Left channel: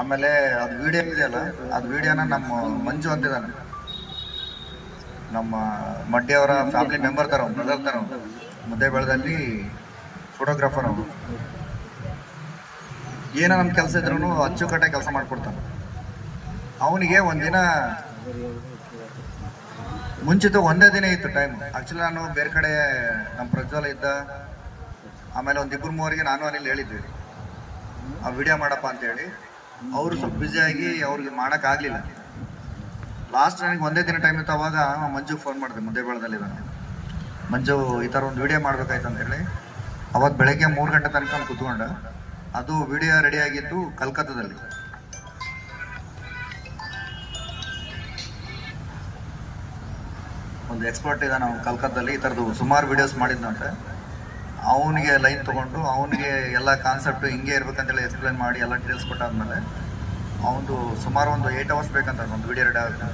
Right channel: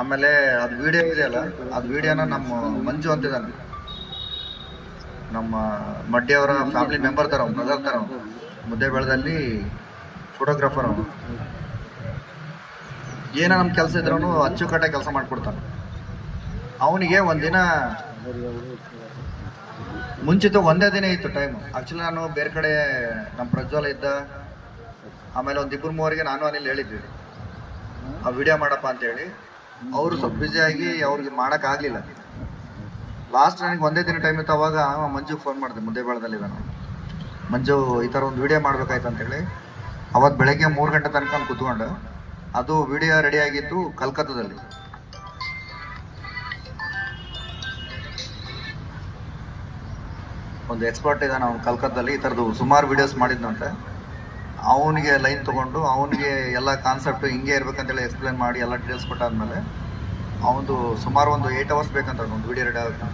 ಆಮೇಲೆ ಅದು ವಿಡಿಯೋ ಇದೆಯಲ್ಲ, ಅದು ವಿಡಿಯೋನ ನಮ್ಮ ಮಂಜು ಅಂತಿದ್ದಾನೆ, ನಮ್ಮ ಮಡ್ಡಿಯವರ ಫ್ಯಾಮಿಲಿ ಮೆಂಬರ್ ತರ, ಬ್ರದರ್ ತರ, ಮುದ್ದೇಬೇಳದಲ್ಲಿ ಫೋಟೋಗ್ರಾಫರ್ ಅವನು. ಏನೋ ನಮ್ಮ ಕೆಲಸ ಇದ್ರೂ ಅಚ್ಚುಕಟ್ಟೆ ಕೆಲಸ ಮಾಡಿಕೊಡ್ತಾನೆ. ಅವನಿಗೆ ಒಂದಿನ ಮುಂಚಿತ ಒಂದೇ ದಿನ ಇತ್ತು ಟೈಮ್. ಆಕ್ಚುಲಿ ನಾನು ಬೇರೆ ಕಡೆ ನಮ್ಮ ಪ್ರಜ್ವಲ ಇದ್ದ, ಆಮೇಲೆ ಒಂದಿಬ್ಬರು ಮೂವರಿಗೆ ನಾನು ಅನಿಲ್ ಹೇಳಿದ್ವಿ ಆ ವಿಡಿಯೋ ಮಾಡಪ್ಪ ಅಂತೇಳಿ. ಅವರು ಸ್ವಲ್ಪ ಬ್ಯುಸಿಯಾಗಿ ಅವ್ರಿಗೆ ಮಾಡೋಕ್ಕಾಗಲಿಲ್ಲ. ಲಾಸ್ಟ್ ನನಗೆ ಒಂದೇ ದಿನ ಟೈಮ್ ಇತ್ತು. ಅವಾಗ ಮಂಜು ಫೋನ್ ಮಾಡಿದೆ, ಮುದ್ದೇಬೇಳದಲ್ಲಿ ನಾನು, ಮಂಜು ಈ ಥರ ಒಂದು ವಿಡಿಯೋ ಮಾಡ್ಬೇಕಾಯ್ತು ಅಂತೇಳಿ. ಅವತ್ತು ಬೆಳಗ್ಗೆ 3 ಗಂಟೆ ತನಕ ಕೂತ್ಕೊಂಡೆ. ಅದು ವಿಡಿಯೋ ರೆಡಿ ಆಗಿತ್ತು ಕಲ್ಕತ್ತಾದಲ್ಲಿ. ಒಂದು ಎಕ್ಸ್ಪರ್ಟ್ ಇದ್ದಾನೆ ಅವ್ನು ಕಲ್ಕತ್ತಾದಲ್ಲಿ, ಈ ಥರದ್ದು ಸುಮಾರು ವಿಡಿಯೋಸ್ ಮಾಡಿದ್ನಂತೆ. ಅವನಿಗೆ ಲೈನ್ ತೊಗೊಂಡು ಅವನಿಗೆ ಎಲ್ಲ ಕಾನ್ಸೆಪ್ಟು ಹಿಂಗೆ ಇರ್ಬೇಕಂತೇಳಿ ಎಕ್ಸ್ಪ್ಲೇನ್ ಮಾಡಿ ಎಲ್ಲ ಡೀಟೇಲ್ಸ್ ಕೊಟ್ಟಾದ್ಮೇಲೆ ಅವನು ಸುಮಾರು ಒಂದು 8 ಅವರ್ಸ್ ಬೇಕಂತ ಒಂದು ವಿಡಿಯೋ ರೆಡಿ ಆಗುತ್ತೆ.